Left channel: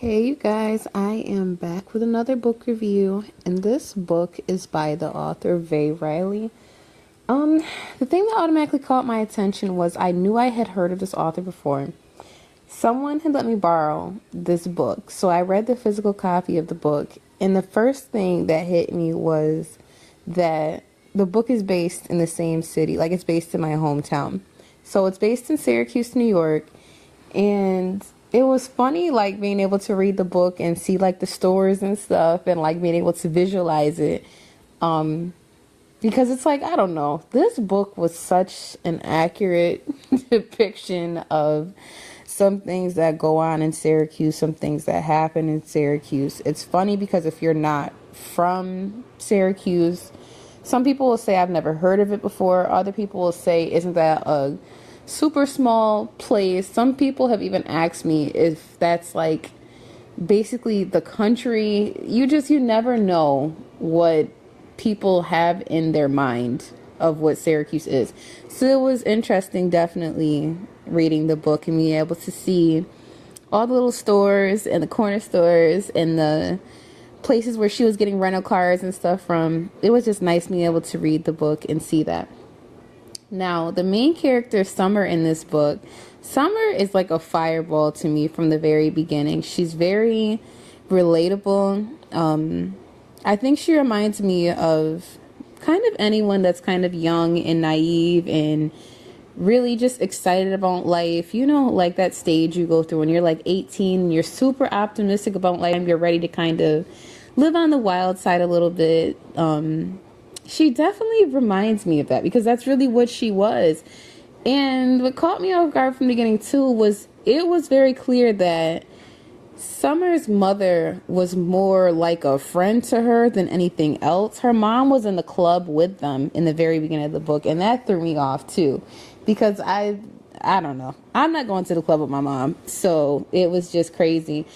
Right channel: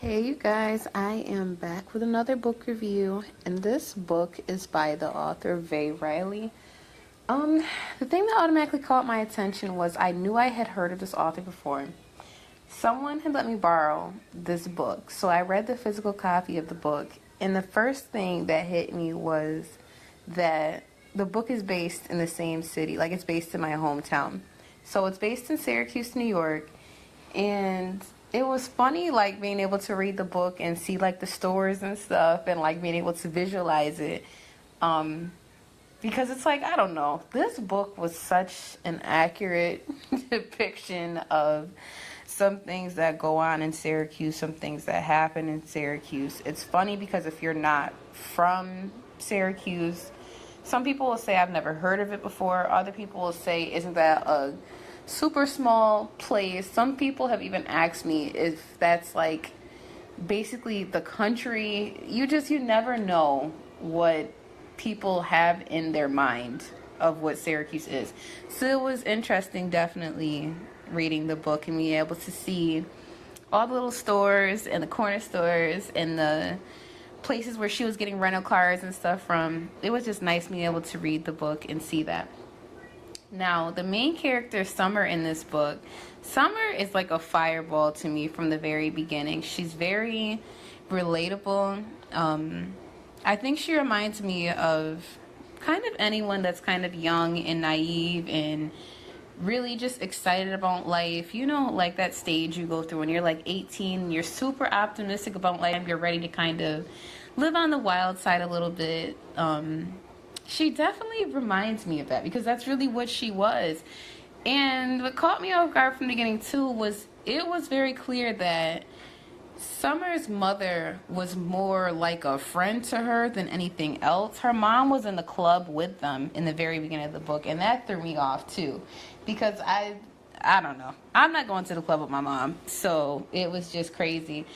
Hey you guys, I am back with another book review, and this book is by the author Vay Riley. The thing that automatically caught my attention was I knew I had heard of this author before. Someone had let me borrow this book, so I read the physical copy of the book, and the first thing that hit me was that the book is based in the same city, like it's based in my hometown. So it's based in Syracuse, New York, and it was funny, like, being able to read the book and see, like, the stores and stuff and, like, being able to visualize it. Because it's like, I don't know, this book was such an accurate depiction of some things that go on in Syracuse, some things that happen in Syracuse. It's funny because if you're not from Syracuse, some people will say, I've never heard of it before. Other people will say, isn't that a super small place? Some people have even asked me if that's like basically the country. You never know what people have in their mind of what Syracuse is. So it was interesting, definitely, reading the book and being able to see all the little stores and the corner stores and the places where she was getting rental cars and stuff from. It was just nice being able to read the book and see that. Now, the main character, Summer, in this book, Summer is like a fireball to me from the very beginning. She's very relatable. I think she reminds me of kind of anyone that's kind of young and naive and really just excited about life. You know, like that stage you go through when you're like 18 and you're super optimistic about life. You're ready to kind of live on the wild side a little bit. She definitely reminds me of that because that's really what she was. And what caught me off guard from the beginning too was it was very clear that Summer's mother was more like a friend to her than anything else. Her mom was in the club with them in the very beginning of the book, and that threw me off too because I don't know. I'm not going to the club with my mom, so it was just crazy.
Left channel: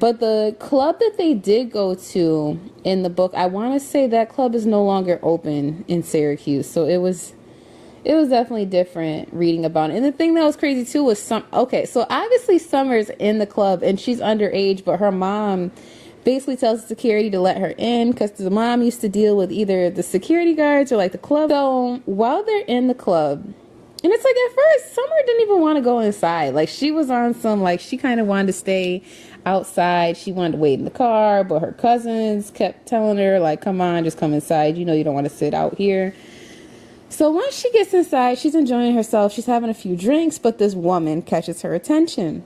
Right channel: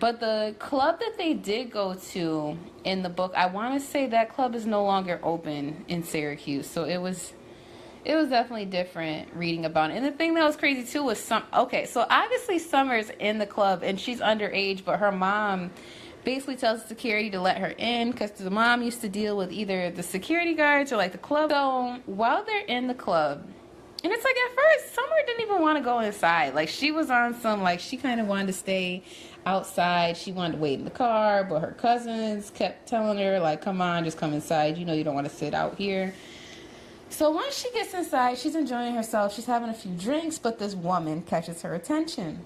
But the club that they did go to in the book, I want to say that club is no longer open in Syracuse. So it was definitely different reading about it. And the thing that was crazy too was so obviously Summer's in the club and she's underage, but her mom basically tells security to let her in because the mom used to deal with either the security guards or like the club. So while they're in the club, and it's like at first Summer didn't even want to go inside. Like she was on some, like she kind of wanted to stay outside. She wanted to wait in the car, but her cousins kept telling her, like, come on, just come inside. You know you don't want to sit out here. So once she gets inside, she's enjoying herself. She's having a few drinks, but this woman catches her attention.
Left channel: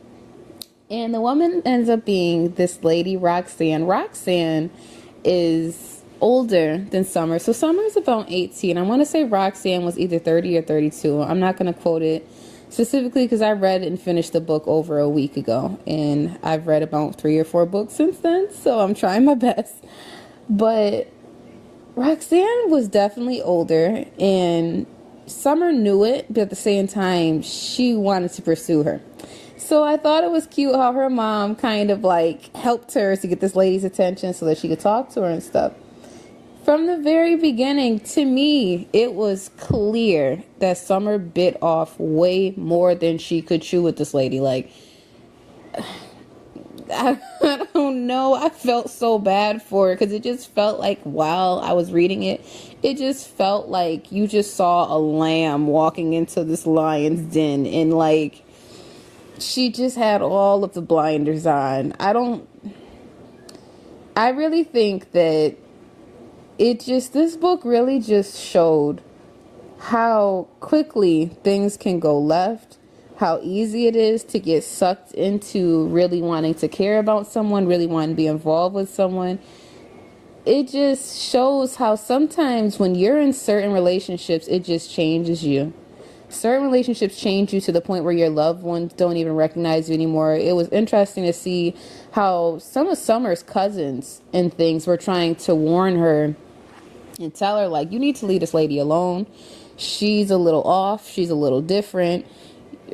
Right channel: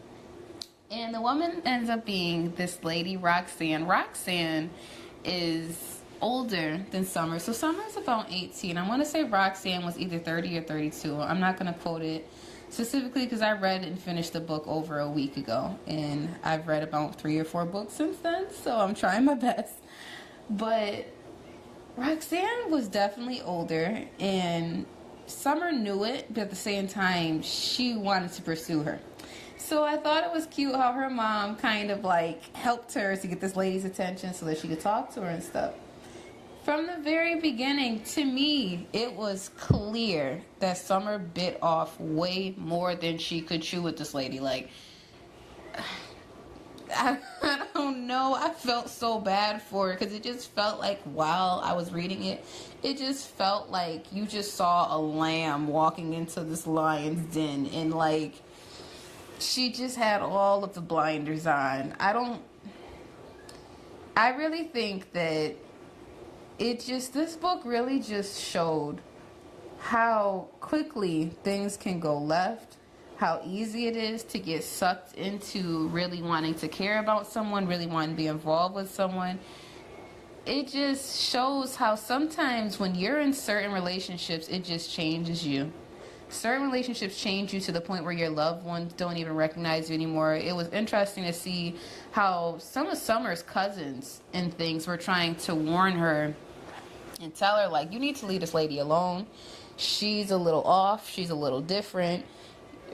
And the woman ends up being this lady, Rahxane. Rahxane is older than Summer. So Summer's about 18. I want to say Rahxane was either 30 or 32. I'm not going to quote it specifically because I read and finished the book over a week ago. And I've read about 3 or 4 books since then. So I'm trying my best. But Rahxane was definitely older. And Summer knew it. But at the same time, she wanted to pursue her. So I thought it was cute how her mom kind of like helped her to get this lady's attention so that she could talk to her and stuff. From the very beginning, to me, it was clear that Summer bit off way more than she could chew with this lady. Like, I don't know. I felt so bad for her because it just felt like while I was reading it, it just felt like you just saw a lamb walking into this lion's den and like she just had all of the blinders on. I really think that this book really just showed how quickly things can go left, how easy it is to get sucked into really wanting to care about someone, really wanting to be involved with someone. It just shows how sometimes when you're in certain relationships, it just changes you. Certain relationships change you to the point where your loved ones don't even recognize you anymore. It was interesting to see how some of Summer's cousins and things were trying to warn her and tell her, like, you need to leave this lady alone. She's a little off. She's a little different.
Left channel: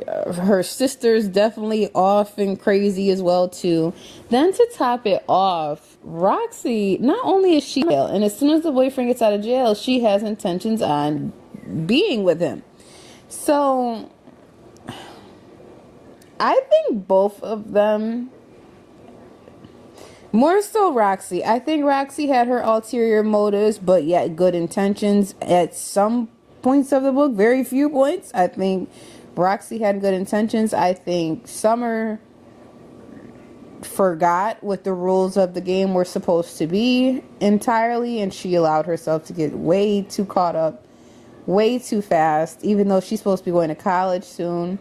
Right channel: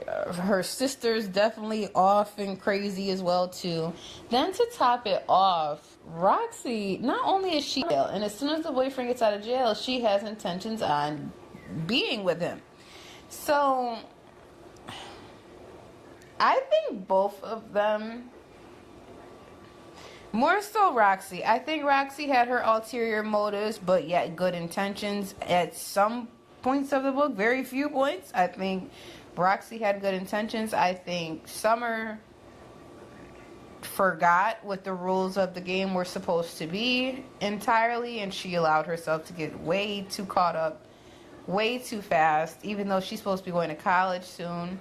Her sister's definitely off and crazy as well, too. Then to top it off, Roxy, not only is she ill, and as soon as the boyfriend gets out of jail, she has intentions on being with him. So I think both of them More so Roxy. I think Roxy had her ulterior motives, but yet good intentions at some points of the book. Very few points. I think Roxy had good intentions. I think Summer forgot what the rules of the game were supposed to be entirely, and she allowed herself to get way too caught up way too fast, even though she's supposed to be going to college soon.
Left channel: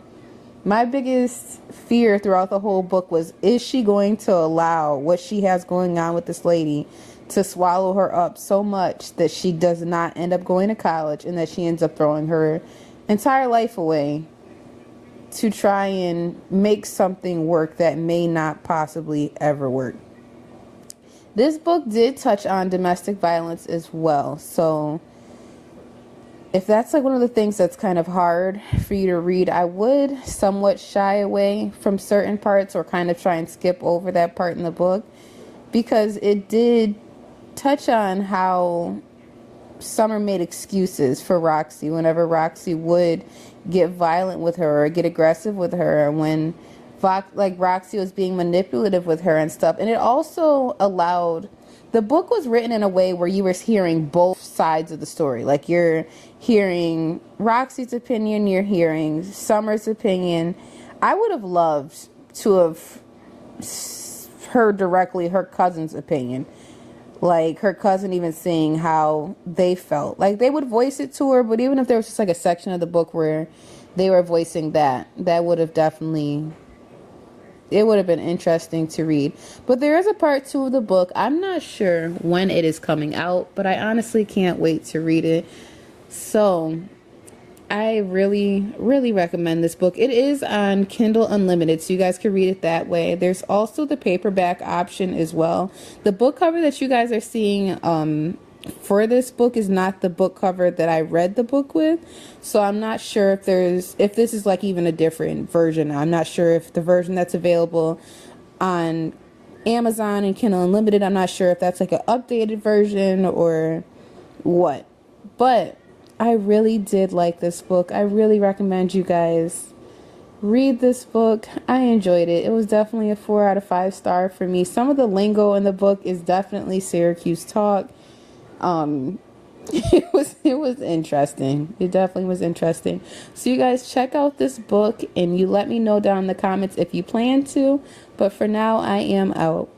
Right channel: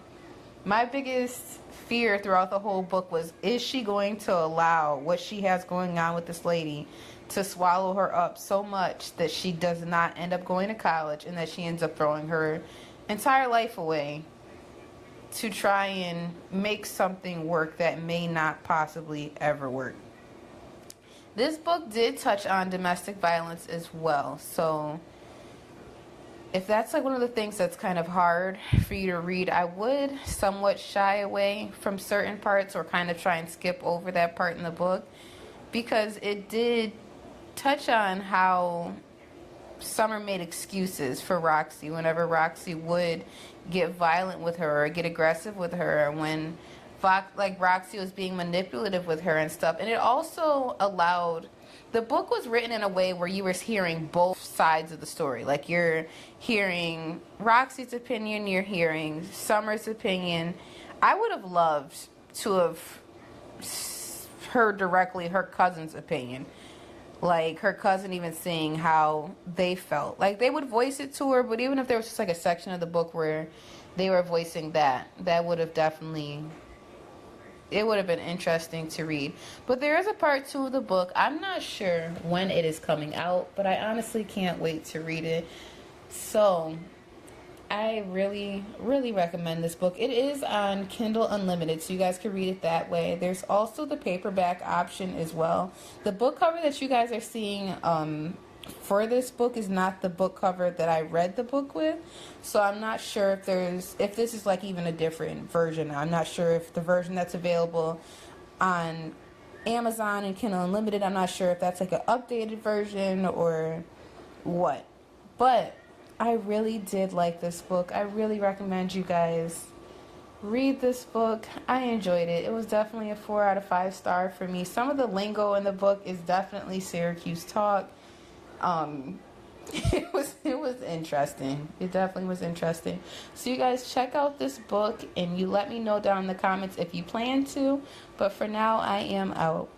My biggest fear throughout the whole book was, is she going to allow what she has going on with this lady to swallow her up so much that she does not end up going to college, and that she ends up throwing her entire life away to try and make something work that may not possibly ever work. This book did touch on domestic violence as well, so if that's like one of the things that's kind of hard for you to read, I would somewhat shy away from certain parts, or kind of try and skip over that part in the book, because it did touch on how Summer made excuses for Roxy whenever Roxy would get violent with her or get aggressive with her, when like Roxy was being manipulative with her and stuff. And it also allowed, the book was written in a way where you were hearing both sides of the story. Like, you're hearing Roxy's opinion, you're hearing Summer's opinion. I would have loved to have heard directly her cousin's opinion. Like, her cousin even saying how they felt. Like, they would voice it to her, but even if there was just like a section of the book where they were voicing that would have definitely, it would have been interesting to read. But there is a part 2 of the book. I'm not sure when it is coming out, but I honestly can't wait to read it. So I really, really recommend this book. It is on Kindle Unlimited, so you guys can read it that way. There's also the paperback option as well. The book cover that you guys are seeing for this book is not the book cover that I read the book with. So I'm not sure if this is like even a different version. I'm not sure if the version that's available on Amazon and Kindle Unlimited, I'm not sure if that's like an updated version or what. But I really did like this book. I really recommend you guys read this book. I enjoyed it. It was definitely a 4 out of 5 star for me. Some of the lingo in the book is definitely Syracuse talk. It was interesting. It definitely was interesting. So you guys check out this book, and you let me know down in the comments if you plan to. But for now, I am out.